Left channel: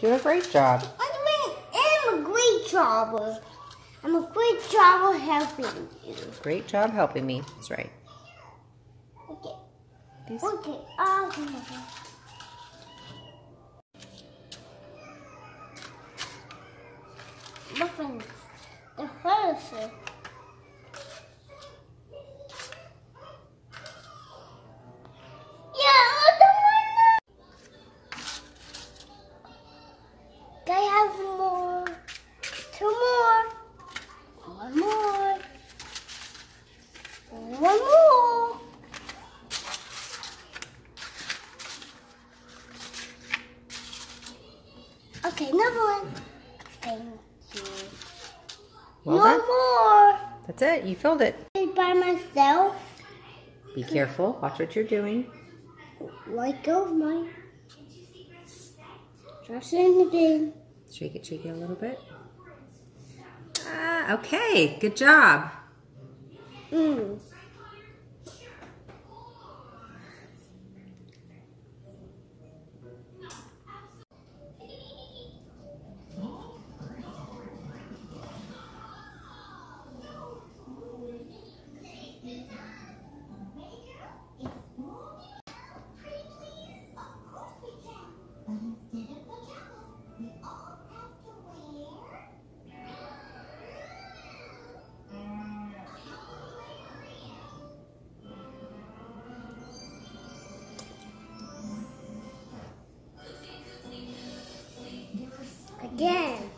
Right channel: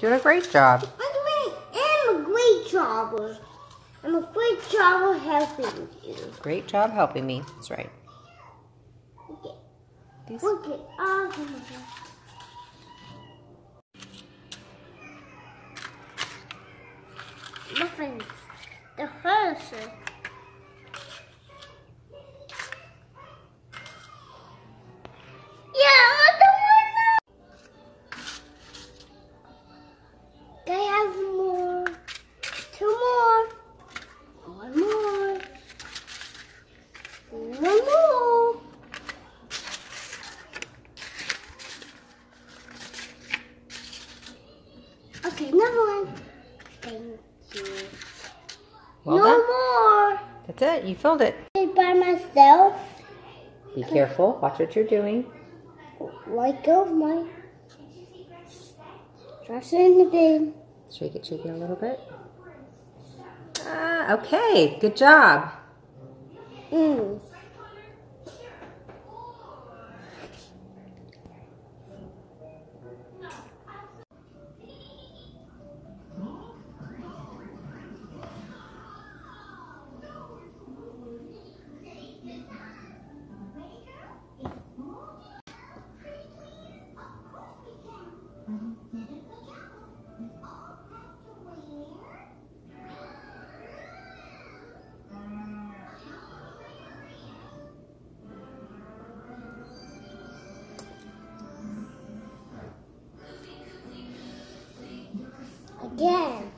Doing a great job. I'm a great jobber. I'm a great jobber helping you. Great job helping me. That's right. Okay. These... Okay. Muffins. The first. I have more. 2 more. 1 more. 1 more. Okay, another one. Thank you. Well no done. More. That's it. You filled it. By myself. Be careful. Watch what you're doing. Let go of mine. Dress it in the bin. Shake it a little bit. Okay, good job. Again.